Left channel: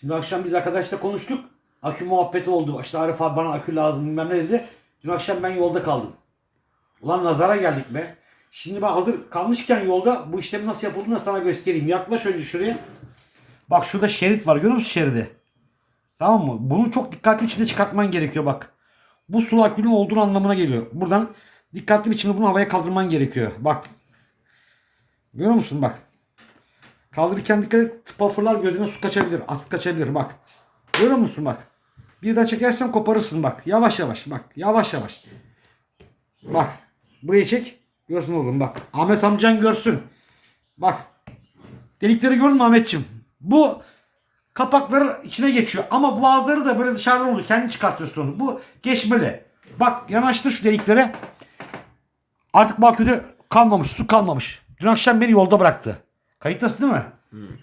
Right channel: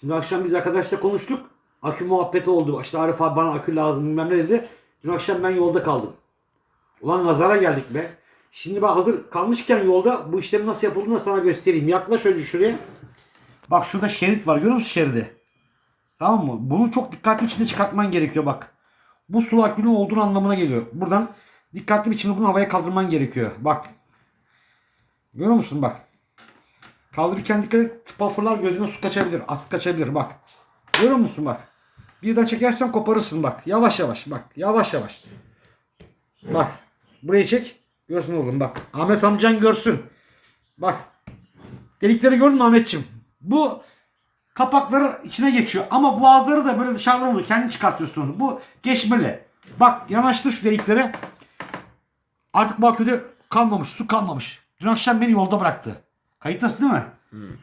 Şimdi akşam biz arkadaşla konuştuk. Akü muhabbeti oldu. İşte Arif abi bana akü lazım bilmem ne dedi. Dün akşam ben yolda kaldım. Ulan nazara geldik be. Şimdi ben hazır kalmışken yolda bu işlemi nasıl yapıldığını sana göstereyim. Yaklaş önce şuraya. Bak şurada şerit var. Görüyor musun şeridi? Tamam mı? Bunu çok dikkatli biçimde çıkartman gerekiyor bak. Bu su akünün olduğunu anlamına geliyor. Buradan dikkatli biçimde bunu havaya kaldırman gerekiyor. Bak. Görüyor musun bak. Kaldırırken dikkat et. Tıpa fırlar gözüne su kaçabilir. Asit kaçabilir bak. Görüyor musun bak. Birden çekersen koparırsın bak. Yavaş yavaş bak. Yavaş yavaş. Bak. Burayı çek. Görsün oğlum bak. Ahmet amcan görsün. Bak. Delikleri gördün mü Ahmetçim? Bu kapakları içine geçiyor. Ama bazıları da böyle dışarıdan oluyor. Kendi çıkartıyorsun onu. Bu geçmeli. Bak yanaştır şu deliklere. Artık baküde kalmamış. Su kalmamış. Dün akşam beni yolda bıraktı. Kayıttasın değil mi?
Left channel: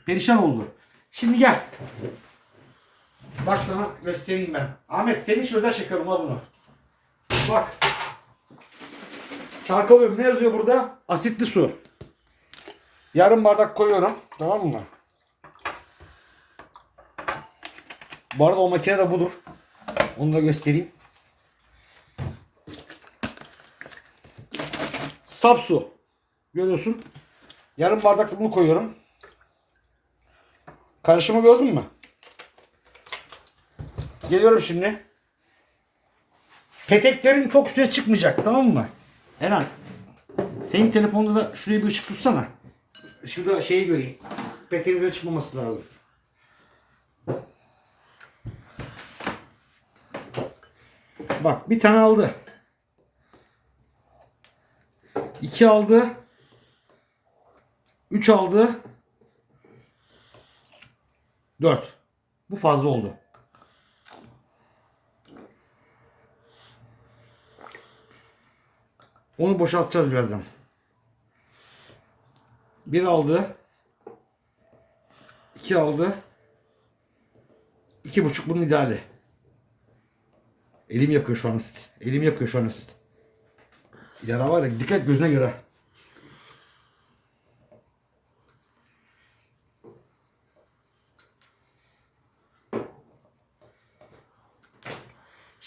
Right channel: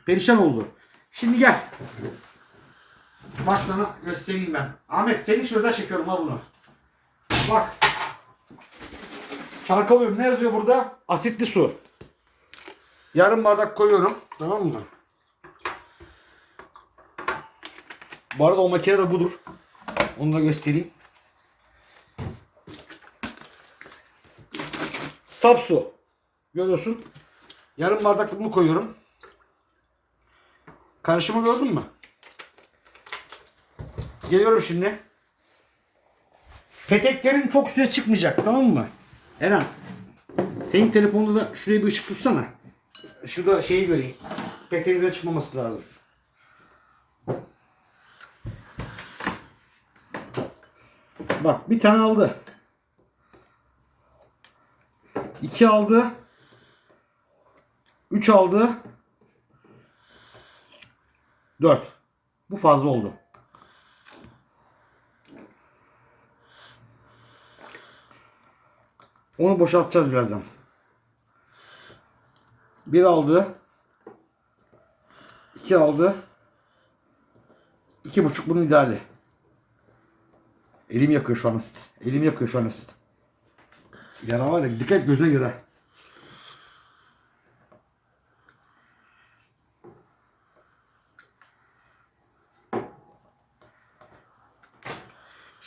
Perişan oldu. Şimdi gel. Bak sana göstereyim ben. Ahmet seni şuradan çekiyorum ha bunu. Bak. Çarkalıyorum. Ne yazıyor burada? Asitli su. Yarım bardak koyuyorum. Tamam mı? Bu arada o makine de budur. Onu da göstereyim. Saf su. Görüyorsun. Yarım bardak bunu koyuyorum. Karışımı gördün mü? Geliyorum şimdi. Peteklerin çok üstüne çıkmayacak tamam mı? Eren. Senin telefonunda da şuraya bir ışık tutsana. Şurada şeyi göreyim. Peteğin üzerine çıkmaması lazım. Bak bir tane aldı. İki aldı. Üç aldı. Dört. Bu fazla oldu. Onu boşaltacağız birazdan. Bir aldı. iki aldı. iki buçuk bunun ideali. Elim yakıyor şu an ısit. Elim yakıyor şu an ısit. Yara var ya dikkat gözüne göre.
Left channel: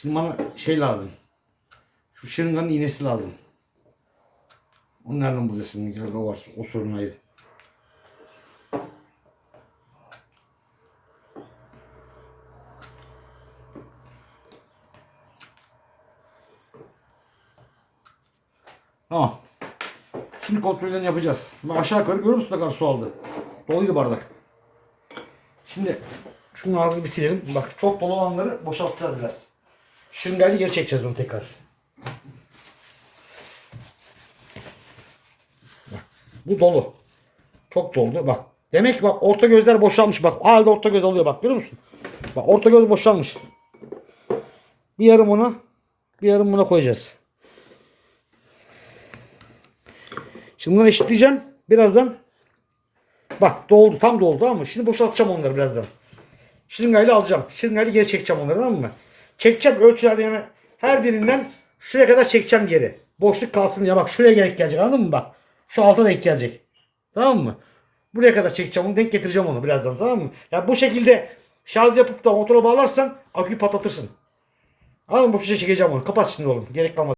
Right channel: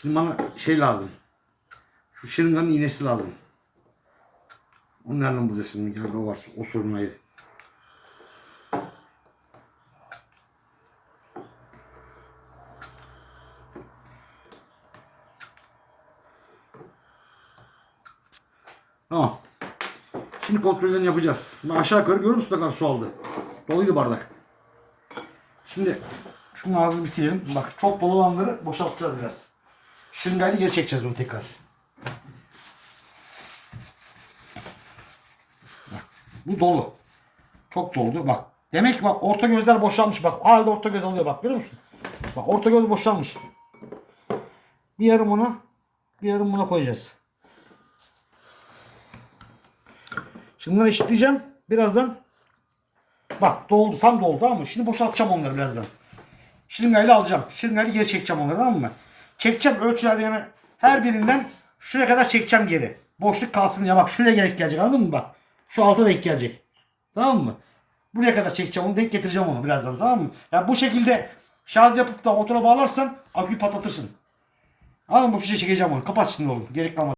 Şimdi bana şey lazım. Şu şırınganın iğnesi lazım. Onu nereden bulacaksın? Nerede o var? O sorun ayrı. Tamam. Şimdi kontrollerini yapacağız. Bak aşağı yukarı görüyor musun ne kadar su aldı? Doluydu bardak. Şimdi şunun ağzını bir silelim. Bak çok dolu olanları boşaltacağız biraz. Şırıngayla geri çekeceğiz bunu tekrar. Bu dolu. Çok doldu. Bak. Demek ki bak orta gözler boşalmış. Bak halde orta göz alıyor bak görüyor musun? Bak orta göz boşalmış. Bir yarım onu bir yarım buna koyacağız. Şimdi bunu eşitleyeceğim. Birazdan bak doldu tam doldu mı? Şimdi boşaltacağım onları birazdan. Şırıngayla alacağım. Şırıngayla geri çekeceğim onları tamam mı? Çekeceğim ölçülerde yani her birinden şuraya kadar çekeceğim geri. Boşluk kalsın ya bak şuraya denk gelecek anladın mı bak. Şu alta denk gelecek. Tamam mı? Buraya kadar çekeceğim onu denk getireceğim onu birazdan tamam mı? Ya bu şekilde şarj yapıp da motora bağlarsan aküyü patlatırsın. Anladın mı? Bu şekilde çekeceğim onu. Kapat şimdi oğlum. Gerek kalmadı.